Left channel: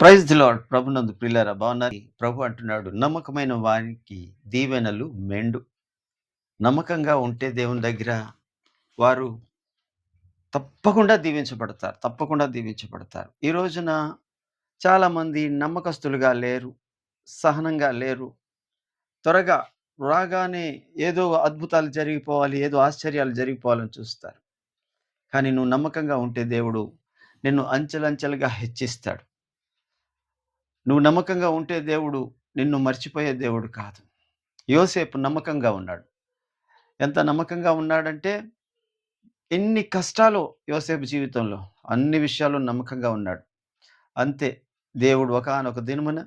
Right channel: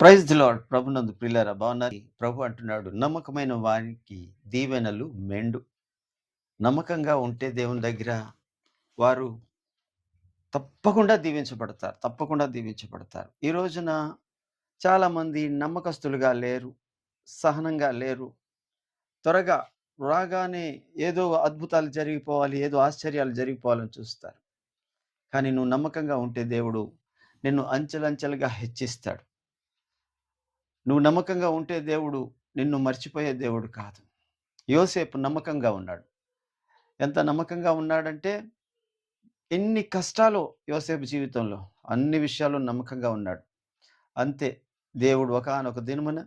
Praise the lord. ప్రభునందు ప్రియులారా బాగున్నారు. ప్రభు అంటున్నాడు, నమ్మకమైన వారికి దీవెనలు మెండు. నమ్మకంగా ఉంటే దేవుని దగ్గర వారు తప్పకుండా దీవించబడతారు. తప్పకుండా దీవించబడతారు. ఈ రోజున చాలామంది నమ్మకస్తులుగా లేరు. సహనంగా లేరు. త్వరగా రాగానే ఏదో అద్భుతాలు జరిగిపోవాలి, ఏదో ఆశ్చర్యాలు జరిగిపోవాలని చూస్తారు. కానీ నువ్వు నమ్మకంగా ఉంటే దేవుడు నిన్ను అంచెలంచెలుగా హెచ్చిస్తాడు. నువ్వు నమ్మకంగా ఉంటే దేవుడు నిన్ను మర్చిపోయే దేవుడు కాదు. యోసేపు నమ్మకంగా ఉన్నాడు. ఎంత నమ్మకంగా ఉన్నాడంటే, ఎన్ని కష్టాలు యోసేపు జీవితంలో, అన్ని విషయాల్లో నమ్మకంగా ఉన్నాడు. అంతే దేవుడు ఒకానొక దినమున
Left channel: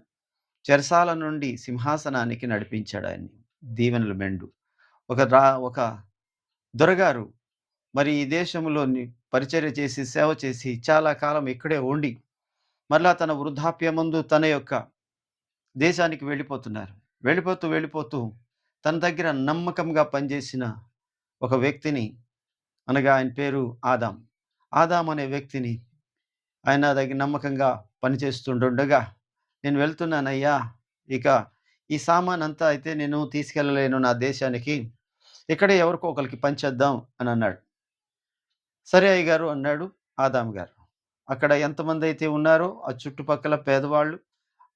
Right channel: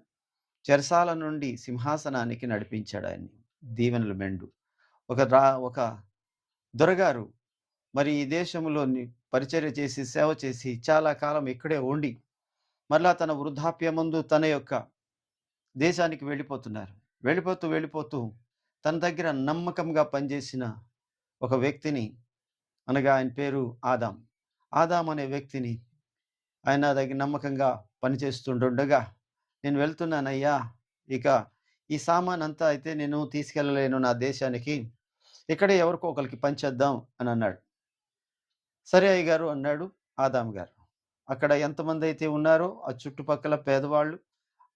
చెరసాల నుండి సింహాసనానికి నడిపించాడు ఆయన్ని. దీవెనలు మెండు. ఒక దొరగారు మరి ఈ దేశంలోని పరిచర్య చేసి, సేవ చేసి చాలా కాలం ఇక్కడే ఉండి, మరలా తన వృద్ధాప్యమందు తన యొక్క దేశానికి వెళ్ళిపోతున్నారు. వెళ్ళిపోతూ తన దగ్గర నమ్మకంగా పనిచేసిన ఒక వ్యక్తిని, అనగా ఆయన పేరు ఆదాం. ఆదాం అనే వ్యక్తిని ఆయన దగ్గర నమ్మకంగా పనిచేస్తుండగా, "నేను వెళ్తున్నానయ్యా. ఇక ఈ సామానంతా అయితే నేను తీసుకెళ్ళలేను నా దేశానికి. ఇక్కడే ఎవరికో ఒకళ్ళకి పంచేద్దాం" అని అన్నాడు. "సరే అయ్యగారు" అన్నాడు ఆదాం గారు. అక్కడ ఎంతమందైతే ఉన్నారో ఆ చుట్టుపక్కల పేదవాళ్ళు,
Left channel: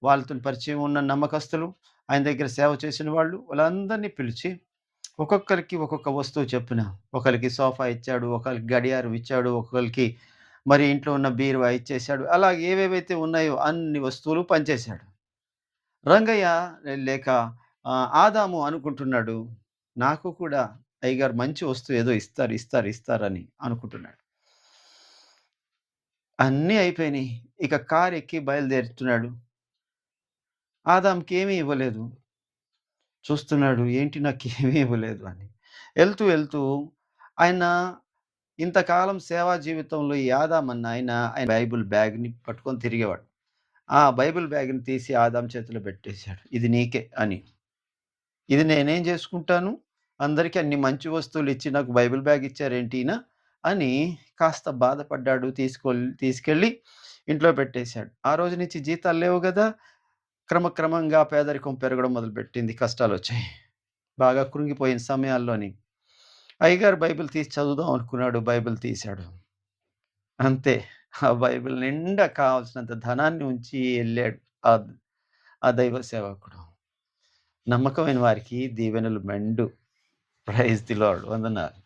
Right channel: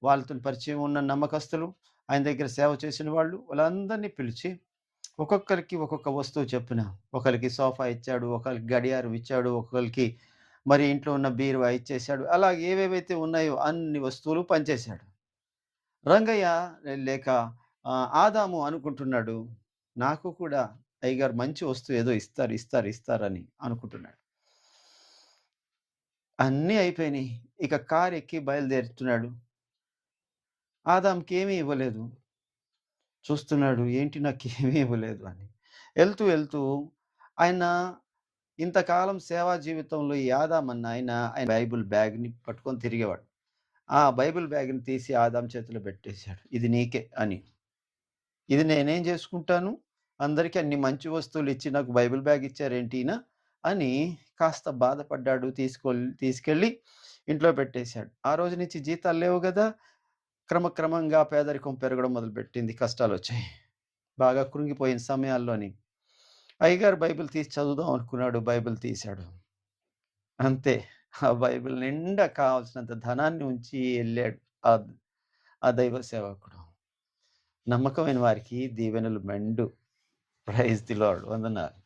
వాళ్ళతోని పరిచయం ఉన్న నమ్మకస్తులు, ఆయన దగ్గర సేవ చేసిన వాళ్ళు, వాళ్ళందరినీ పిలిచి ఒక్కొక్కరికి ఒక్కొక్క వస్తువు చొప్పున, ఒకళ్ళకి సోఫా ఇచ్చాడు, ఒకళ్ళకి గడియారం ఇచ్చాడు, ఒకళ్ళకి మరి ఇంట్లో ఉన్న బీరువా ఇచ్చేశాడు. అలా ఏవేవైతే ఉన్నాయో అన్ని వస్తువులు పంచేశాడు. రంగయ్య లేక ఆదాము అనుకుంటున్నాడు, నాకు కూడా అయ్యగారు మంచి వస్తువు ఏదో ఇస్తారని అనుకుంటున్నాడు. అన్నీ అయిపోయినాయి. ఇక కారెక్కి బయలుదేరుతున్నాడు. ఆదాంకి ఏమీ ఇవ్వలేదు. చూస్తున్నాడు, ఏంటి నాకేమీ ఇవ్వలేదు అని. వెళ్తూ ఆయన ఇంతకాలం సేవా జీవితంలో ఈ ఆదాం అన్న ఆయన బైబిల్ బ్యాగ్‌ని పట్టుకొని తిరిగేవాడు. ఆ బైబిల్ బ్యాగ్‌ని తీసి ఆదాం చేతిలో పెట్టేశాడు. "ఇది నీకే" అని. "ఇది నేనేం చేసుకుంటాను? అందరికి అన్ని మంచి వస్తువులు ఇచ్చి నాకు బైబిల్ బ్యాగ్ ఇచ్చారేంటి ఈయన" అని కాస్త బాధపడ్డాడు. తీసుకెళ్ళి ఇంట్లో పెట్టేశాడు. ఆ రోజు నుంచి జీతాలు లేవు గదా! క్రమక్రమంగా పేదరికం పెరగడం మొదలుపెట్టింది. కష్టాలొచ్చాయి. బాగా కృంగిపోయిన సమయాల్లోని అయ్యగారు బైబిల్ తీసి చదువుదాం అనుకున్నాడు. బైబిల్ తీశాడు. అంతే. ఆ బైబిల్ నిండా కావాల్సినంత ధనాన్ని ఉంచి ఎళ్ళాడు. ఆ ఆ దైవ సేవకుడు. నమ్మకమైన వారికి దీవెనలు మెండు. Praise the lord. వందనాలు.